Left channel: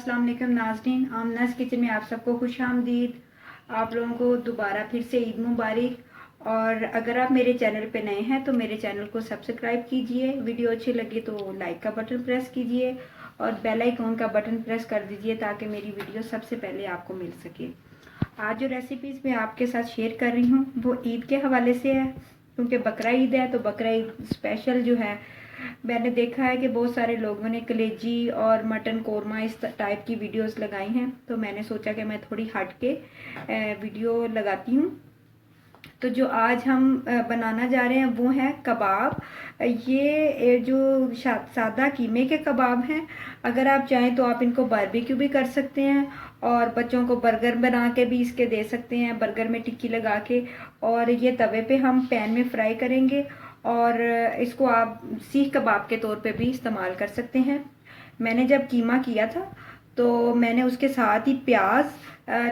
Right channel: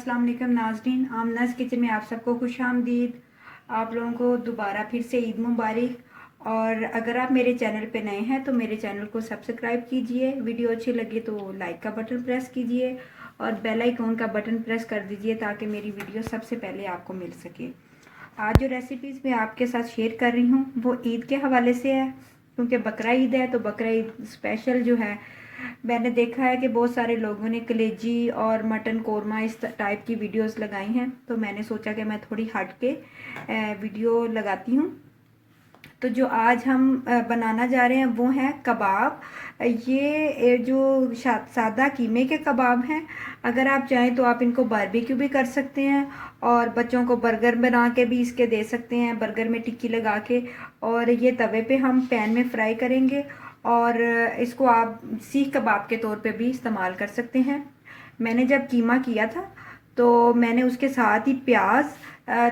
अस्सलाम वालेकुम नाज़रीन, आमनाज़ किचन में आप सबको खुश आमदीद। आप लोगों को दोबारा फिर से ईद मुबारक। और अगर आप मेरे चैनल पे नए हैं तो मेरे चैनल को सब्सक्राइब कीजिए, वीडियो अच्छी लगे तो लाइक का बटन प्रेस कीजिए और बेल आइकॉन का बटन प्रेस कर दीजिए ताकि मेरी वीडियो सबसे पहले आपको मिल सके। आज जो रेसिपीज़ मैं आपके साथ शेयर कर रही हूँ वो ईद के हवाले से है, क्योंकि बकरा ईद है। तो बकरा ईद स्पेशल जो है, मैंने देखा है कि बहुत सारे लोगों ने कलेजी और मटन कोरमा इस टाइप की वीडियोस लगाई हैं, तो मैंने सोचा कि मैं थोड़ी हट के वीडियो लगाती हूँ। तो जो आज हम बनाना जा रहे हैं वो है कबाब। ये जो सादा कीमे के कबाब हैं। अगर आप चाहें तो आप इनको बारबेक्यू भी कर सकते हैं और बच्चों को बर्गर बना के भी इसके दे सकते हैं, बर्गर में टिक्की लगा के। और ये तवे पे हम पैन में फ्राई करेंगे और इसको आप सीख कबाब के तौर पे भी इस्तेमाल कर सकते हैं। मैंने जब कीमा किया था तो मैंने उसके साथ ही प्याज,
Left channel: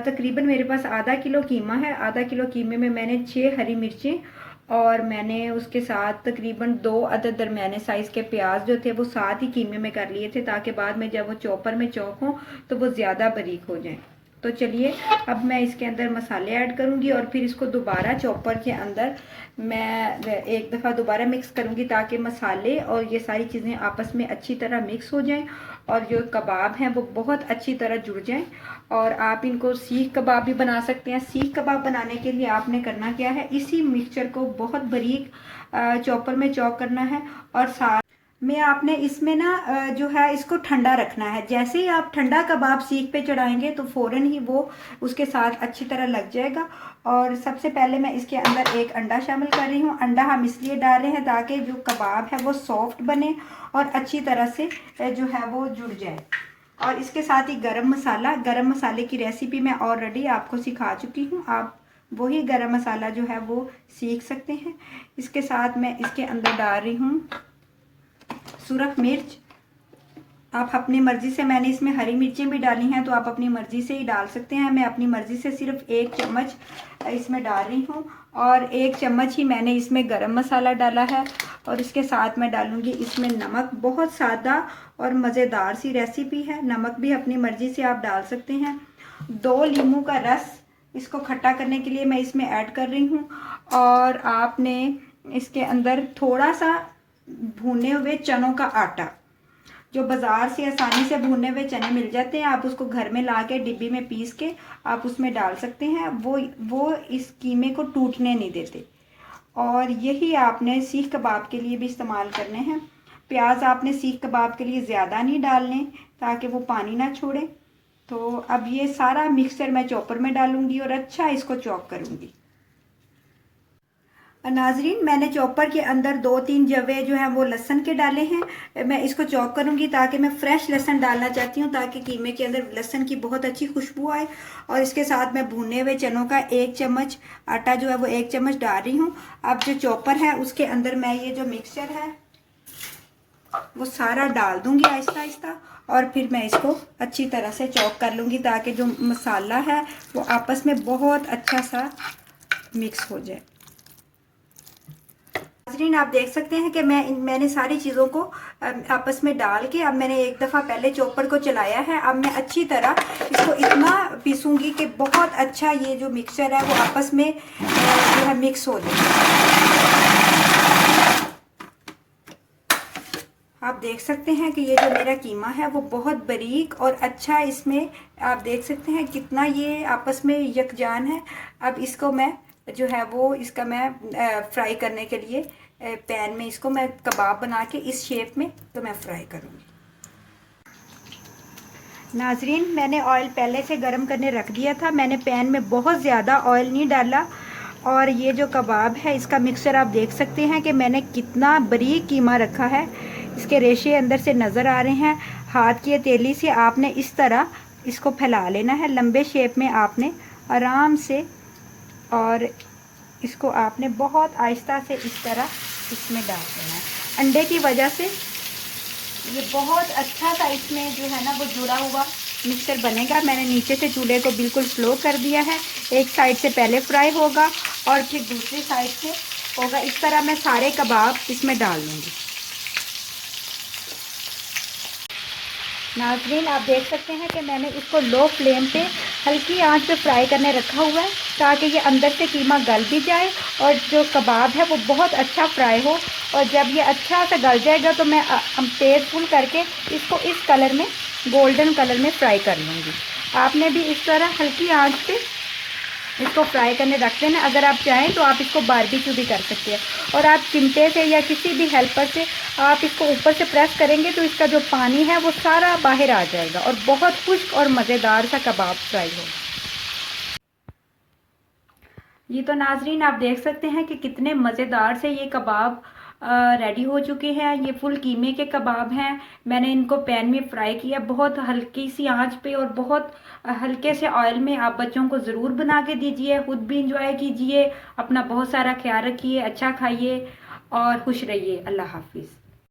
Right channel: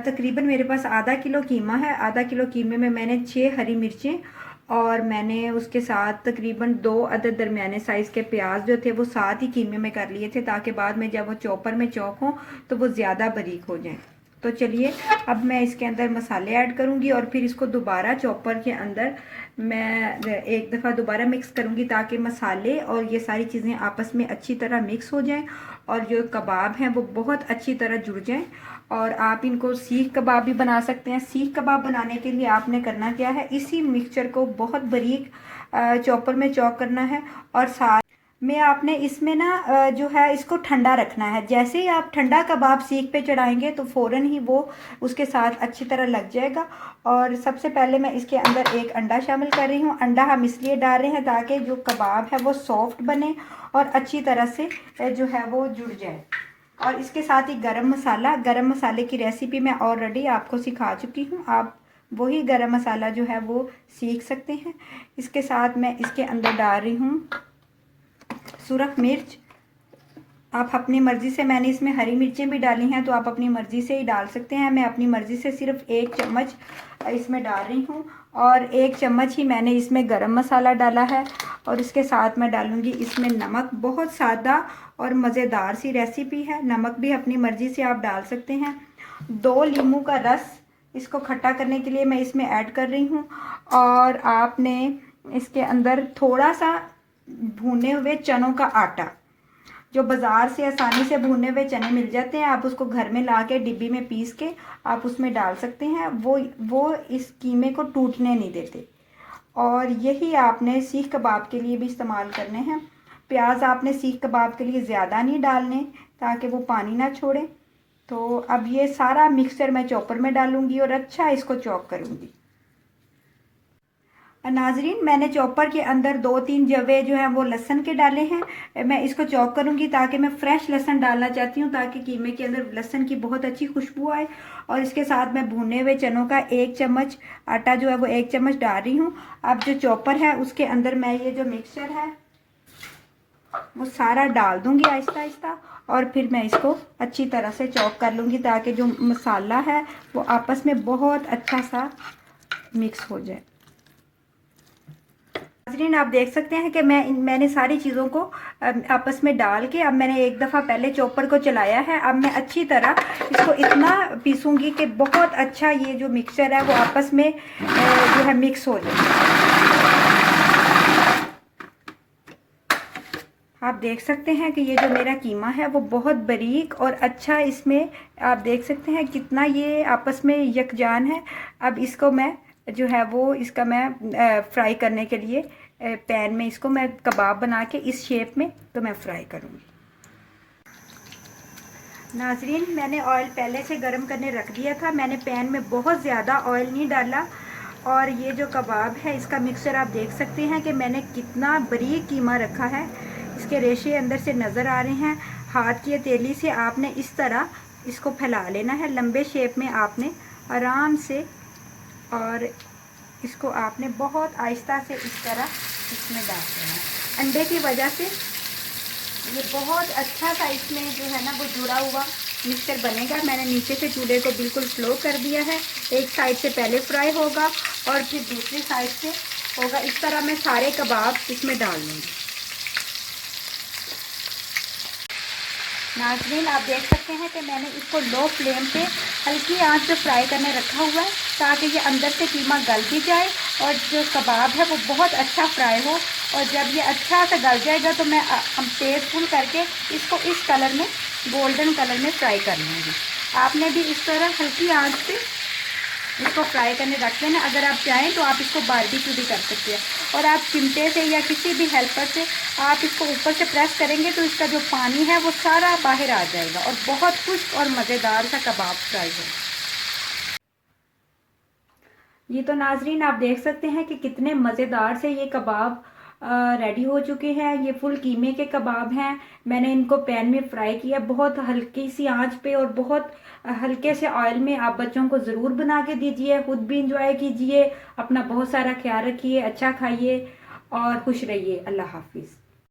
तकरीबन मेरे पास आधा किलो कीमा है, आधा किलो कीमे में मैंने 6 हरी मिर्चें और मैंने उसके साथ तकरीबन 2 अदद दरमियाने साइज़ के प्याज जो थे वो साथ ही कीमे में कर लिए थे, ताकि बाद में जब वो चॉपर में चॉप हो तो वो ज़्यादा बारीक हो जाए। तो चलिए अब मैं इसके अंदर मसाले ऐड करूँगी और फिर इसको दोबारा चॉपर के अंदर मैं एक दफ़ा दोबारा मिक्स करूँगी ताकि मसाले और ये सारी चीज़ें आपस में अच्छी तरह मिक्स हो जाएं और जो कबाब हैं वो बहुत अच्छी तरह जुड़ जाएं। और आप इनको सीख कबाब भी बना सकते हैं। सीख कबाब बनाने के लिए आपने करना क्या है, इसी मिक्सचर को बहुत बारीक चॉपर में चॉप करना है और साथ में आपने इसमें ना जो है इसको ठंडा रखना है। जैसे ही आप ठंडा कबाब सीख पे चढ़ाएंगे तो फ़ौरन ही वो उसके साथ अच्छी तरह लग जाएगा। और सबसे पहले मैं इसके अंदर एक अंडा शामिल कर रही हूँ। अंडा हम इसलिए डाल रहे हैं ताकि जो कबाब है वो सॉफ्ट बने और अच्छी तरह से जो है वो जुड़ जाए। और इसके साथ ही गरम मसाले की रेसिपी मैं ऑलरेडी आपको सिखा चुकी हूँ, आप वही गरम मसाला जो है वो सीख सकते हैं। इसके साथ मैं इसके अंदर डाल रही हूँ सुरख मिर्च। आप अपनी मर्ज़ी से, मैंने इसमें हरी मिर्चें भी डाली हैं तो आप अपनी मर्ज़ी से ही डाल सकते हैं। मैं अपनी मर्ज़ी से सिर्फ 1 चम्मच इसमें डाल रही हूँ और 1 चम्मच ही मैंने इसमें गरम मसाला डाला है। और इसके साथ मैं डालूँगी इसमें नमक। बहुत सादा और मज़ेदार सी रेसिपी है, नमक भी अपनी मर्ज़ी से आप डाल सकते हैं। 2 नींबू का रस इसको खट्टा करने के लिए मैं इसमें ऐड कर रही हूँ। और आपने इसके अंदर थोड़ा सा भुने हुए चनों का आटा, जो बाज़ार से आसानी से भुने हुए चने मिल जाते हैं, आप उसको घर में ला के डिब्बी में पीस के आप उसमें डाल सकते हैं। वो इस कीमे को टूटने नहीं देते। और यही आपने सीख कबाब के लिए भी इस्तेमाल करने हैं। प्याज आपने सीख कबाब के लिए ज़्यादा नहीं डालने ताकि वो पानी ना छोड़े। तो अब ये सारा मिक्सचर मैं चॉपर में डालूंगी और अच्छा इसको चॉप करूंगी। नाजरीन, मैंने चॉपर के अंदर 2-3 जवे जो हैं वो लहसुन के डाले हैं। मैं इसको चॉप करूंगी ताकि मैं फ्रेश लहसुन डालना चाहती हूँ ताकि कीमे के अंदर लहसुन की बहुत अच्छी खुशबू आए। और इसके साथ मैं भुने हुए चनों का 1 चम्मच, आटा जो है वो 1 चम्मच डाल रही हूँ। अब जो चॉपर है उसके अंदर मैं ये जो मिक्सचर है वो सारा डाल दूंगी आहिस्ता आहिस्ता और फिर मैं इसको अच्छी तरह से चॉप कर लूँगी ताकि जो मसाला है वो आपस में बहुत अच्छा सा मिक्स हो जाए। नाज़रीन, आप देख सकते हैं कि मैंने सारी चीज़ों को आपस में डाल के अब मैंने एक दफ़ा पहले चॉपर को चलाया है। अब मैं अच्छी तरह इसको इतना पीसूंगी कि बहुत अच्छा ये जो मिक्सचर है वो आपस में जो है मिक्स हो जाए। आप देख सकते हैं कि ये जो मेरा कीमा है वो बहुत बारीक और अच्छा, इसमें आप देख सकते हैं कितना ये आपस में यकजान है। अब इसको मैं जो है वो इसका मैं फ्राई करने के लिए पैन में इसको मैं कबाब बना के इस शेप में तो मैं फ्राई करूँगी। नाजरीन, मैंने ऑयल पहले से गर्म करने रख दिया था। मैंने पैन में बहुत ज़्यादा ऑयल नहीं डाला। और ये जो कबाब है इसका मिक्सचर आप देख सकते हैं कि मैंने कितना बारीक कीमा रखा है, इसके रेशे अंदर से नज़र आ रहे हैं। हाथ की हथेली से आपने इस तरह इसको फैला लेना है लंबे शेप में, आपने आराम से, और इसको आपने बहुत आहिस्ता से इस तरह इसमें डाल देना। अंडे की वजह से ये बहुत अच्छा सा इसमें जो है ना वो जुड़ा हुआ मिक्सचर बनेगा। मैंने नीचे से चूल्हे को बिल्कुल स्लो कर दिया है। एक साइड से पहले फ्राई होगा और फिर दूसरी साइड से होगा। इस तरह मैं सारे कबाब इसमें डाल लूँगी। नाज़रीन आप देख सकते हैं कि मैंने इसको लो फ्लेम पे हल्की आंच पे फ्राई करने रखा हुआ है ताकि ये अंदर से कीमा गल भी जाए और जो कबाब है वो बहुत अच्छा फ्राई हो। और जब ये अच्छा से गल जाएगा तो मैं तेज़ फुल करके इसको इस कलर में, गोल्डन कलर में फ्राई कर लूँगी। आपने भी इस तरह हल्की आंच पे इसको फ्राई करने रख लेना। अगर आप चाहें तो आप इसको बारबेक्यू भी कर सकते हैं और आप चिमटे से या किसी भी हेल्पर से आप इसको ऊपर से प्रेस करेंगे तो इसका जो पानी है वो सारा बाहर आ जाएगा और बहुत खुश्क और मज़ेदार सा कबाब फ्राई है। ये तो नाजरीन आप देख सकते हैं कि कितने मज़ेदार से ये कबाब रेडी हो चुके हैं। ये फुल कीमे के कबाब हैं। मैंने इनको पैन में फ्राई किया बहुत हल्की सी आंच पे और बहुत हल्के से ऑयल में। आप बच्चों को ज़रूर बना के दीजिए, खुद भी इंजॉय कीजिए, अपना बहुत सारा ख्याल रखिए, अच्छा खाइए और खुश रहिए। अल्लाह हाफिज़।